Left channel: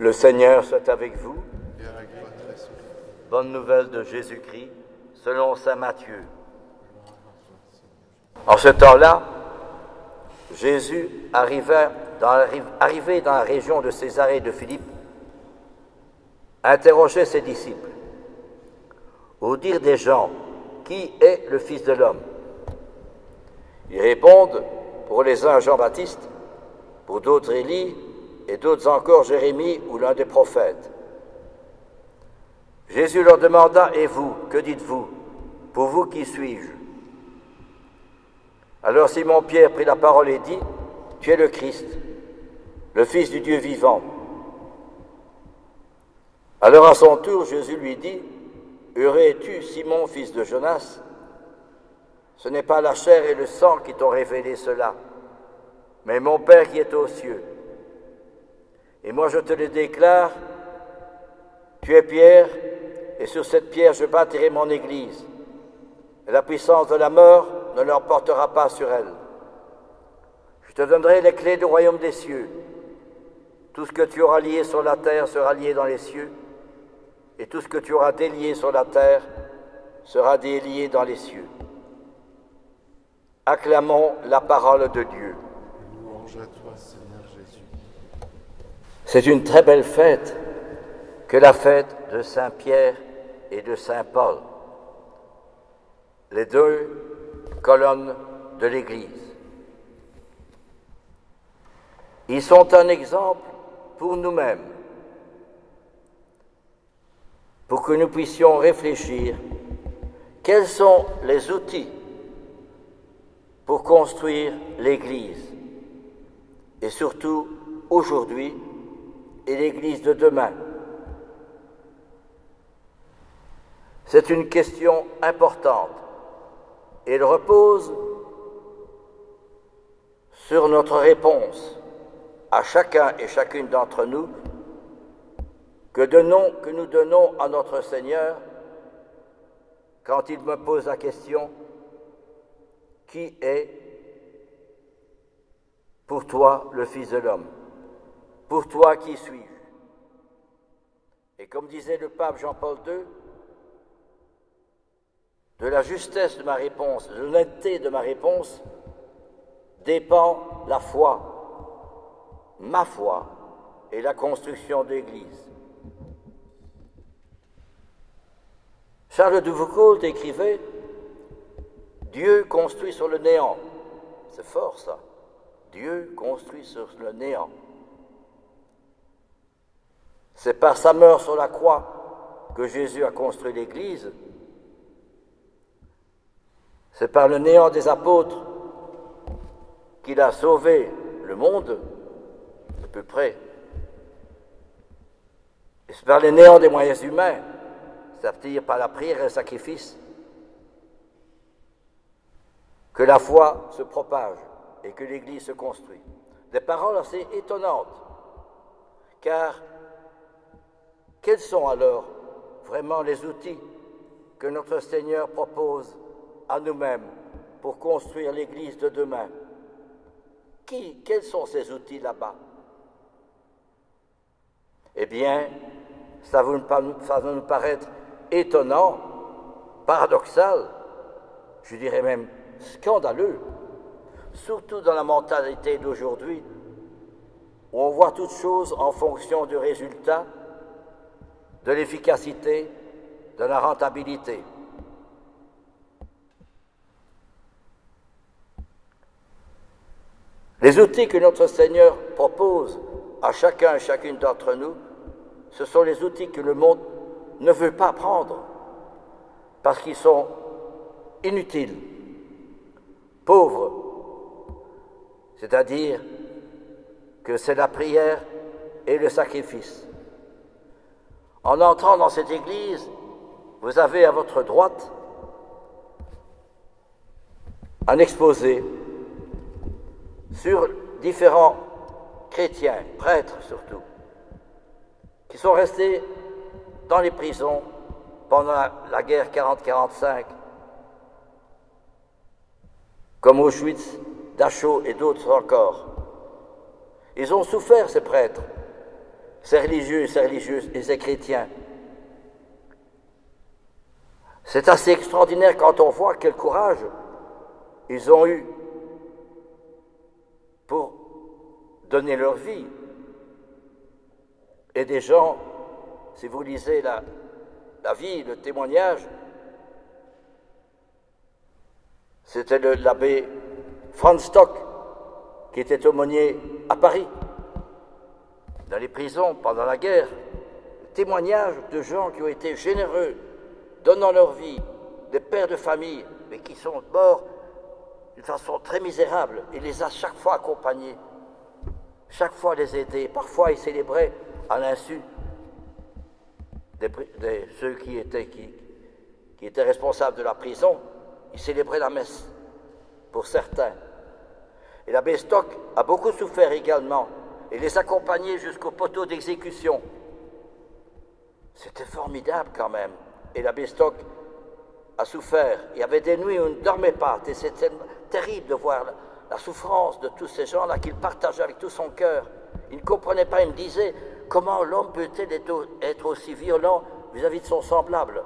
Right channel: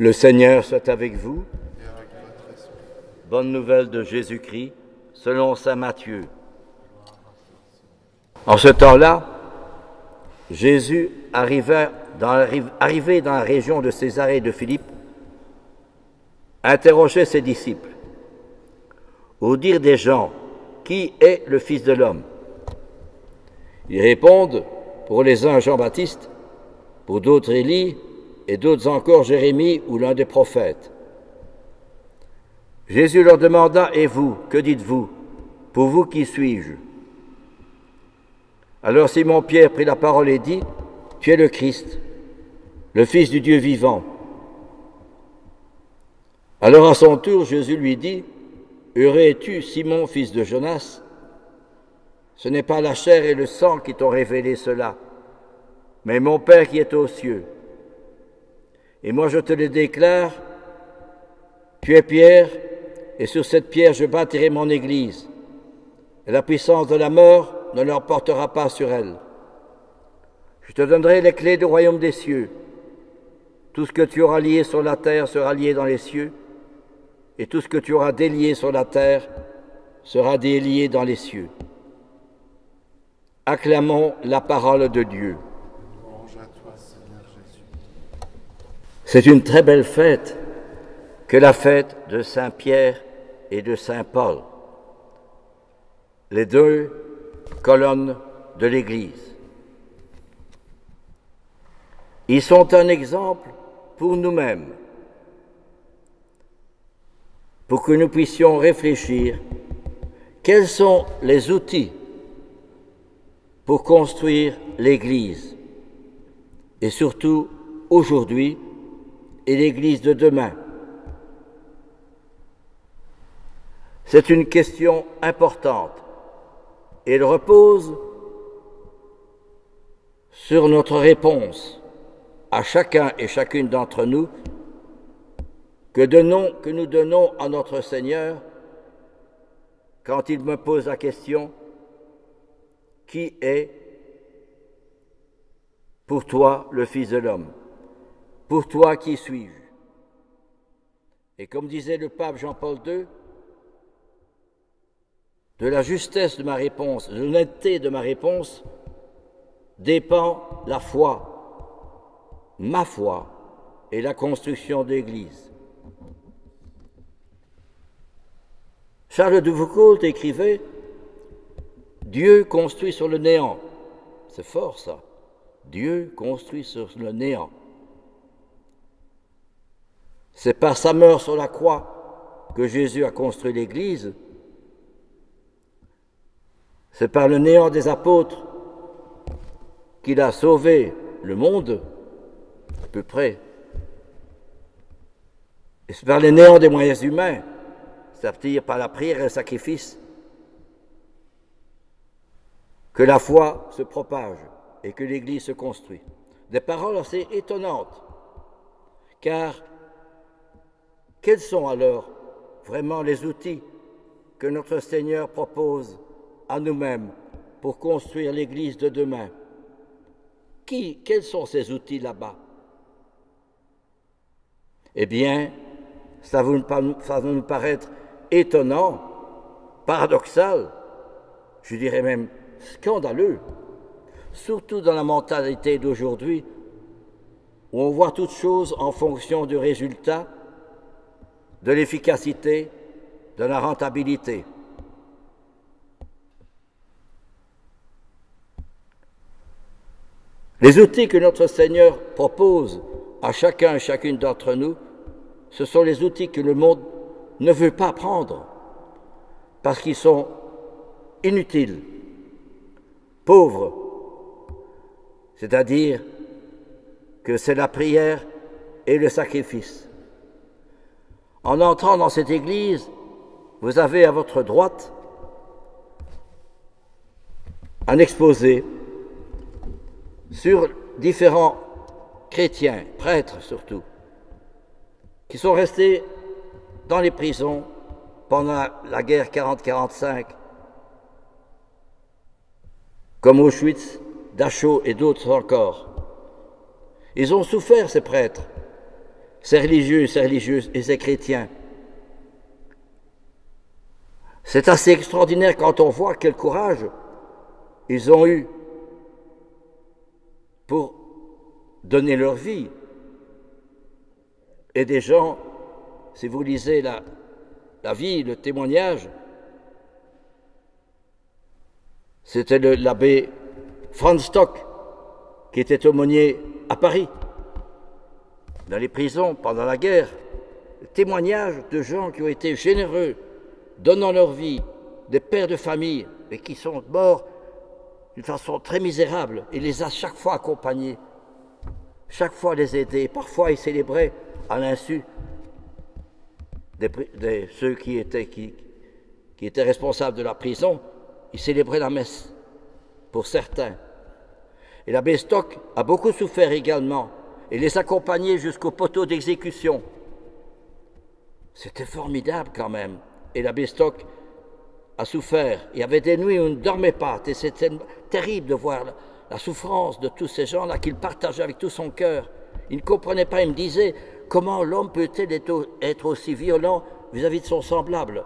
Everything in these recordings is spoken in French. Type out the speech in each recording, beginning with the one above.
Le Seigneur soit avec vous. Et avec votre esprit. Bonne nouvelle de Jésus-Christ, selon saint Matthieu. En ce temps-là, Jésus arrivé dans la région de Césarée et de Philippe, interrogeait ses disciples. Au dire des gens, qui est le Fils de l'homme? Ils répondent, pour les uns Jean-Baptiste, pour d'autres Élie, et d'autres encore Jérémie ou l'un des prophètes. Jésus leur demanda, et vous, que dites-vous? Pour vous, qui suis-je? Alors Simon-Pierre prit la parole et dit, tu es le Christ, le Fils du Dieu vivant. Alors à son tour, Jésus lui dit, heureux es-tu, Simon, fils de Jonas? Ce n'est pas la chair et le sang qui t'ont révélé cela, mais mon Père qui est aux cieux. Et moi je te le déclare, tu es Pierre, et sur cette pierre je bâtirai mon église, et la puissance de la mort ne l'emportera pas sur elle. Je te donnerai les clés du royaume des cieux. Tout ce que tu auras lié sur la terre sera lié dans les cieux, et tout ce que tu auras délié sur la terre sera délié dans les cieux. Acclamons la parole de Dieu. Louange à toi, Seigneur Jésus. C'est une très belle fête que la fête de Saint Pierre et de Saint Paul, les deux colonnes de l'Église. Ils sont un exemple pour nous-mêmes, pour que nous puissions réfléchir quels sont les outils pour construire l'Église, et surtout aujourd'hui, et l'Église de demain. C'est une question importante et elle repose sur notre réponse à chacun et chacune d'entre nous que nous donnons à notre Seigneur quand il me pose la question « Qui est pour toi le Fils de l'homme? Pour toi, qui suis-je » Et comme disait le pape Jean-Paul II, de la justesse de ma réponse, de l'honnêteté de ma réponse, dépend la foi, ma foi et la construction de l'Église. Charles de Foucault écrivait « Dieu construit sur le néant ». C'est fort ça. Dieu construit sur le néant. C'est par sa mort sur la croix que Jésus a construit l'Église. C'est par le néant des apôtres qu'il a sauvé le monde, à peu près. Et c'est par le néant des moyens humains, c'est-à-dire par la prière et le sacrifice, que la foi se propage et que l'Église se construit. Des paroles assez étonnantes, car quels sont alors vraiment les outils que notre Seigneur propose à nous-mêmes pour construire l'Église de demain? Quels sont ces outils là-bas? Eh bien, ça va nous paraître étonnant, paradoxal, je dirais même scandaleux, surtout dans la mentalité d'aujourd'hui, où on voit toutes choses en fonction du résultat, de l'efficacité, de la rentabilité. Les outils que notre Seigneur propose à chacun et chacune d'entre nous, ce sont les outils que le monde ne veut pas prendre, parce qu'ils sont inutiles, pauvres, c'est-à-dire que c'est la prière et le sacrifice. En entrant dans cette église, vous avez à votre droite un exposé sur différents chrétiens, prêtres surtout, qui sont restés dans les prisons pendant la guerre 40-45, comme Auschwitz, Dachau et d'autres encore. Ils ont souffert, ces prêtres, ces religieux, ces religieuses et ces chrétiens. C'est assez extraordinaire quand on voit quel courage ils ont eu pour donner leur vie. Et des gens, si vous lisez la vie, le témoignage, c'était l'abbé Franz Stock, qui était aumônier à Paris, dans les prisons pendant la guerre. Le témoignage de gens qui ont été généreux, donnant leur vie, des pères de famille, mais qui sont morts d'une façon très misérable. Il les a chaque fois accompagnés, chaque fois les aider. Parfois, il célébrait à l'insu de ceux qui étaient responsables de la prison. Il célébrait la messe pour certains. Et l'abbé Stock a beaucoup souffert également et les accompagnait jusqu'au poteau d'exécution. C'était formidable quand même. Et l'abbé Stock a souffert. Il y avait des nuits où il ne dormait pas. Et c'était terrible de voir la souffrance de tous ces gens-là qu'il partageait avec tout son cœur. Il ne comprenait pas. Il me disait, comment l'homme peut-il être aussi violent vis-à-vis de son semblable?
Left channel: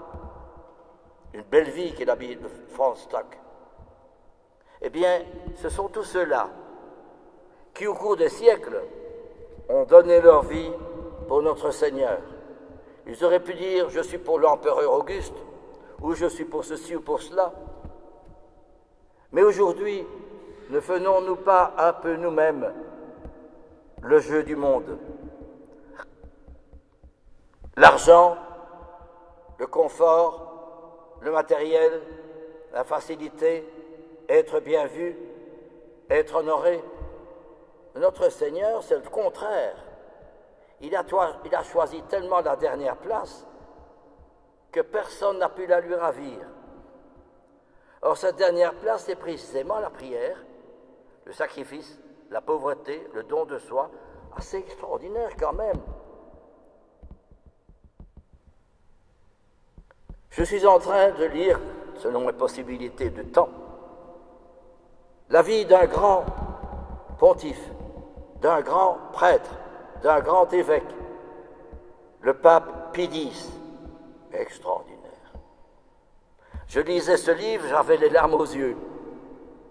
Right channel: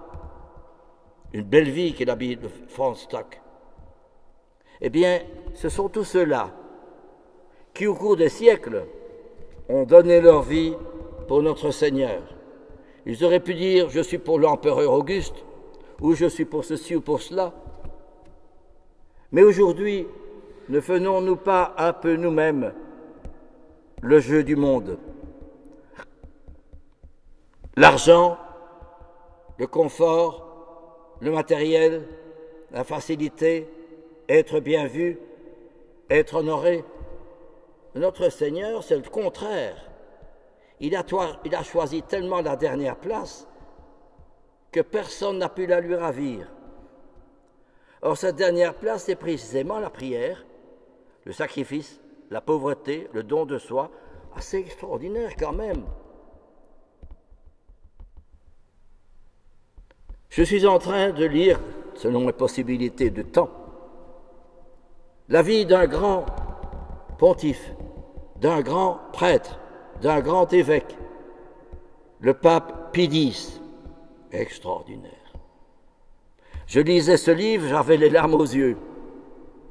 Une belle vie qu'est la vie de Franz Stock. Eh bien, ce sont tous ceux-là qui, au cours des siècles, ont donné leur vie pour notre Seigneur. Ils auraient pu dire, je suis pour l'empereur Auguste, ou je suis pour ceci ou pour cela. Mais aujourd'hui, ne faisons-nous pas un peu nous-mêmes le jeu du monde? L'argent, le confort, le matériel, la facilité, être bien vu, être honoré. Notre Seigneur, c'est le contraire. Il a choisi tellement la dernière place que personne n'a pu la lui ravir. Or, cette dernière place, c'est précisément la prière, le sacrifice, la pauvreté, le don de soi. Assez extraordinaire quand même. Je suis en train de lire, selon mes possibilités de temps, la vie d'un grand pontife, d'un grand prêtre, d'un grand évêque, le pape Pie X. Extraordinaire. Je lisais ce livre, j'avais les larmes aux yeux.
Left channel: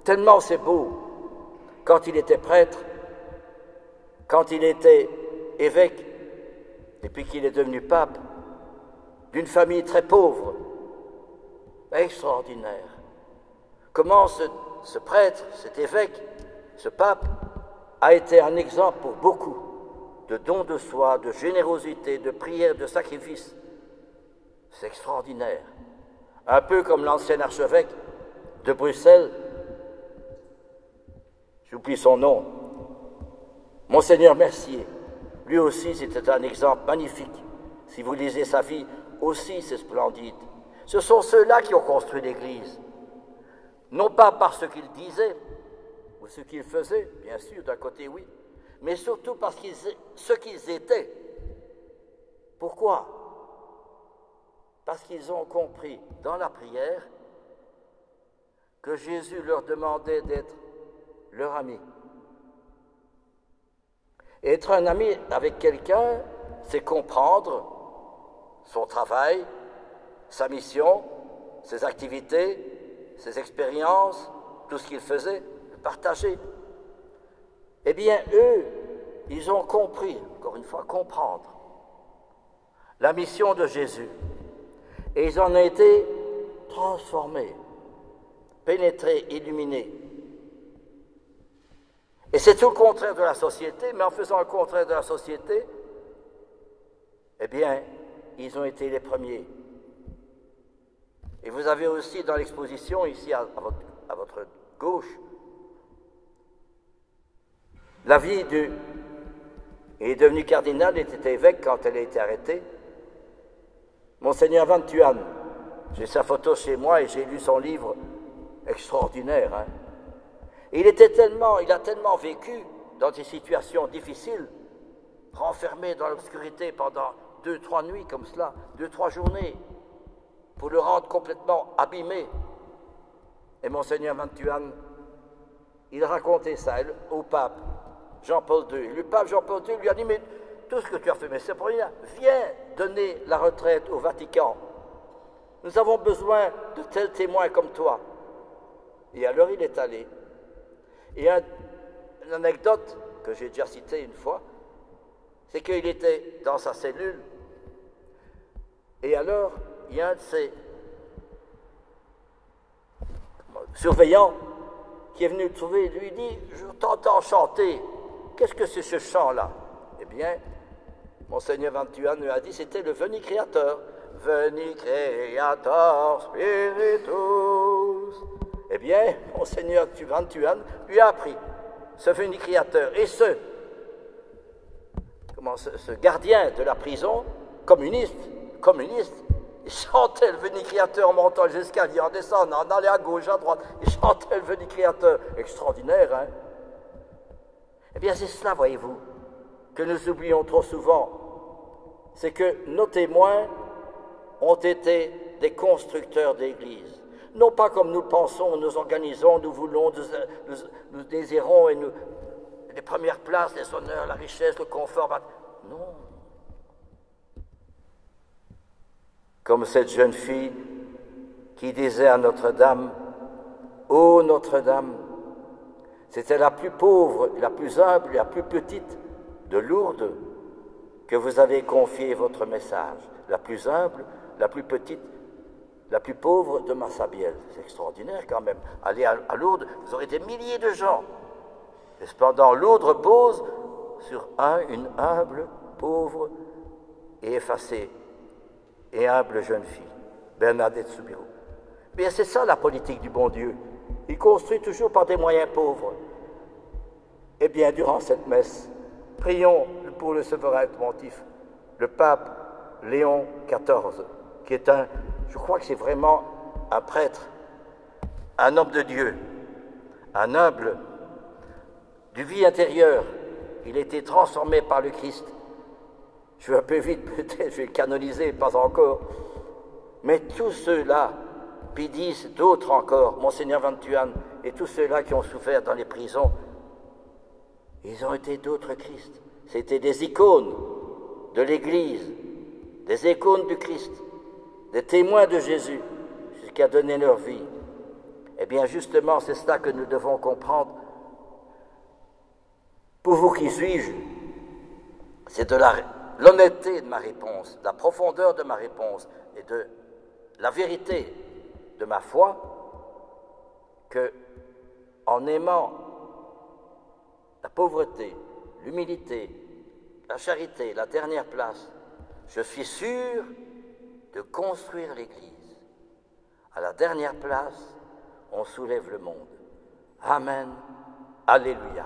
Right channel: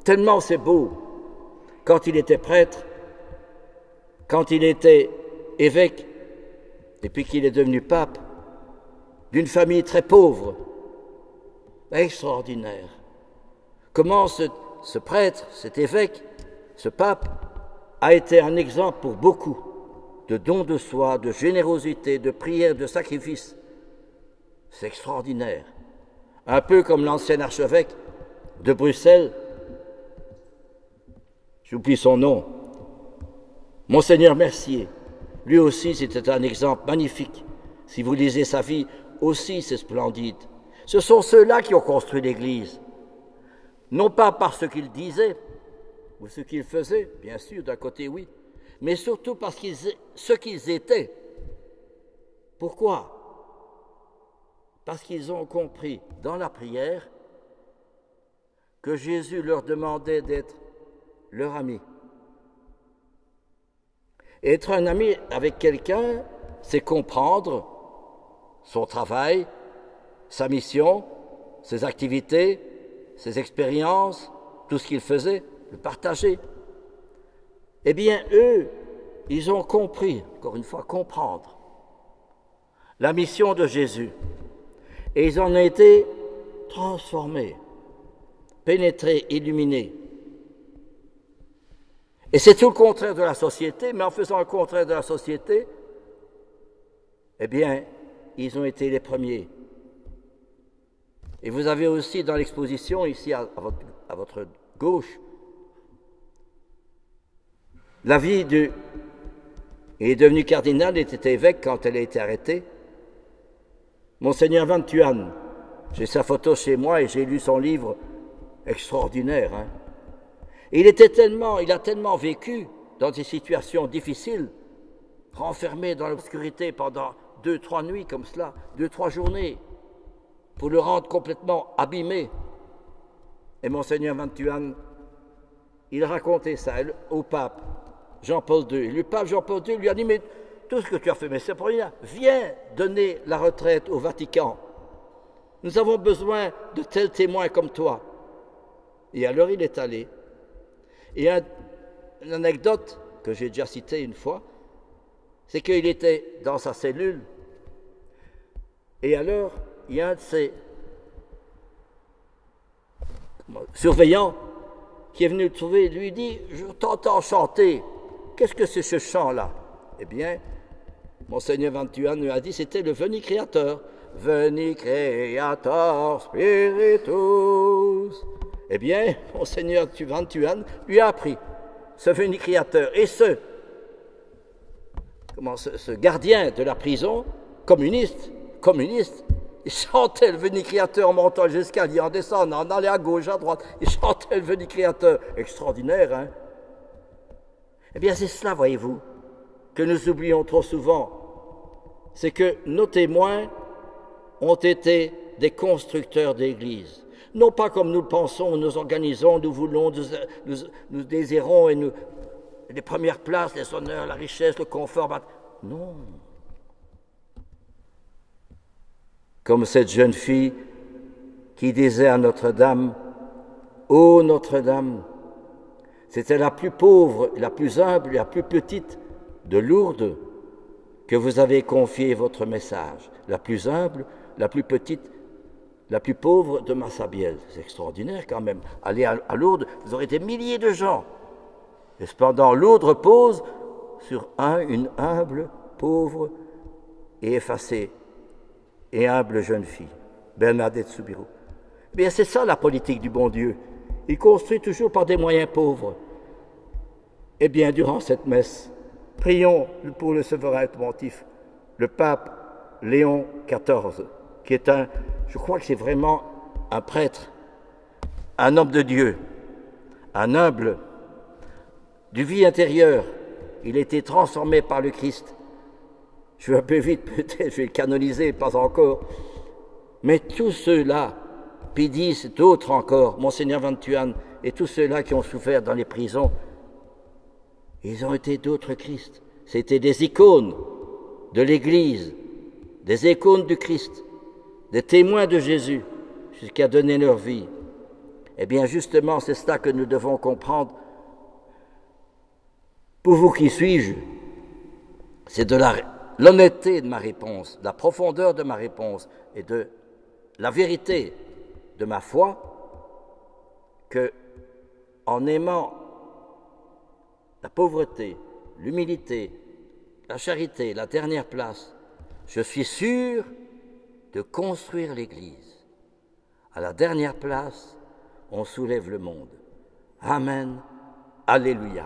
Tellement c'est beau. Quand il était prêtre, quand il était évêque, et puis qu'il est devenu pape, d'une famille très pauvre. Extraordinaire. Comment ce prêtre, cet évêque, ce pape, a été un exemple pour beaucoup de dons de soi, de générosité, de prière, de sacrifice. C'est extraordinaire. Un peu comme l'ancien archevêque de Bruxelles, j'oublie son nom, Monseigneur Mercier. Lui aussi, c'était un exemple magnifique. Si vous lisez sa vie, aussi c'est splendide. Ce sont ceux-là qui ont construit l'Église. Non pas par ce qu'ils disaient, ou ce qu'ils faisaient, bien sûr, d'un côté oui, mais surtout parce ce qu'ils étaient. Pourquoi? Parce qu'ils ont compris dans la prière que Jésus leur demandait d'être leur ami. Être un ami avec quelqu'un, c'est comprendre son travail, sa mission, ses activités, ses expériences, tout ce qu'il faisait, le partager. Eh bien, eux, ils ont compris, encore une fois, comprendre la mission de Jésus. Et ils en ont été transformés, pénétrés, illuminés. Et c'est tout le contraire de la société, mais en faisant le contraire de la société, eh bien, ils ont été les premiers. Et vous avez aussi dans l'exposition, ici à votre gauche, la vie du... Il est devenu cardinal, il était évêque quand elle a été arrêtée. Monseigneur Van Thuan. J'ai sa photo chez moi et j'ai lu son livre extraordinaire. Hein. Il a tellement vécu dans des situations difficiles, renfermé dans l'obscurité pendant 2-3 nuits comme cela, 2-3 journées, pour le rendre complètement abîmé. Et Monseigneur Van Thuan, il racontait ça au pape Jean-Paul II. Le pape Jean-Paul II lui a dit, mais tout ce que tu as fait, mais c'est pour rien. Viens donner la retraite au Vatican. Nous avons besoin de tels témoins comme toi. Et alors il est allé. Et une anecdote que j'ai déjà citée une fois, c'est qu'il était dans sa cellule. Et alors, il y a un de ses surveillants qui est venu le trouver et lui dit « Je t'entends chanter. Qu'est-ce que c'est ce chant-là » Eh bien, Monseigneur Vantuan lui a dit, c'était le Veni Creator. Veni Creator Spiritus. Eh bien, Monseigneur Vantuan lui a appris ce Veni Creator. Et ce gardien de la prison, communiste, il chantait le Veni Creator en montant les escaliers, en descendant, en allant à gauche, à droite. Il chantait le Veni Creator. Extraordinaire, hein? Eh bien, c'est cela, voyez-vous, que nous oublions trop souvent. C'est que nos témoins ont été des constructeurs d'églises. Non pas comme nous le pensons, nous organisons, nous voulons, nous désirons, et les premières places, les honneurs, la richesse, le confort. Non. Comme cette jeune fille qui disait à Notre-Dame, « Ô Notre-Dame, c'était la plus pauvre, la plus humble, la plus petite de Lourdes que vous avez confié votre message. La plus humble, la plus petite, la plus pauvre de Massabielle. » C'est extraordinaire quand même. Allez à Lourdes, vous aurez des milliers de gens. Et cependant, Lourdes repose sur une humble, pauvre et effacée et humble jeune fille, Bernadette Soubirous. Bien, c'est ça la politique du bon Dieu. Il construit toujours par des moyens pauvres. Eh bien, durant cette messe, prions pour le souverain pontife, le pape Léon XIV, qui est je crois que c'est vraiment un prêtre, un homme de Dieu, un humble, du vie intérieure. Il a été transformé par le Christ. Je vais un peu vite, peut-être, je vais le canoniser, pas encore. Mais tous ceux-là, Pidis, d'autres encore, Monseigneur Vantuan, et tous ceux-là qui ont souffert dans les prisons, ils ont été d'autres Christ. C'était des icônes de l'Église, des icônes du Christ, des témoins de Jésus, jusqu'à donner leur vie. Eh bien, justement, c'est cela que nous devons comprendre. Pour vous, qui suis-je? C'est de l'honnêteté de ma réponse, de la profondeur de ma réponse et de la vérité de ma foi que, en aimant la pauvreté, l'humilité, la charité, la dernière place, je suis sûr de construire l'Église. À la dernière place, on soulève le monde. Amen. Alléluia.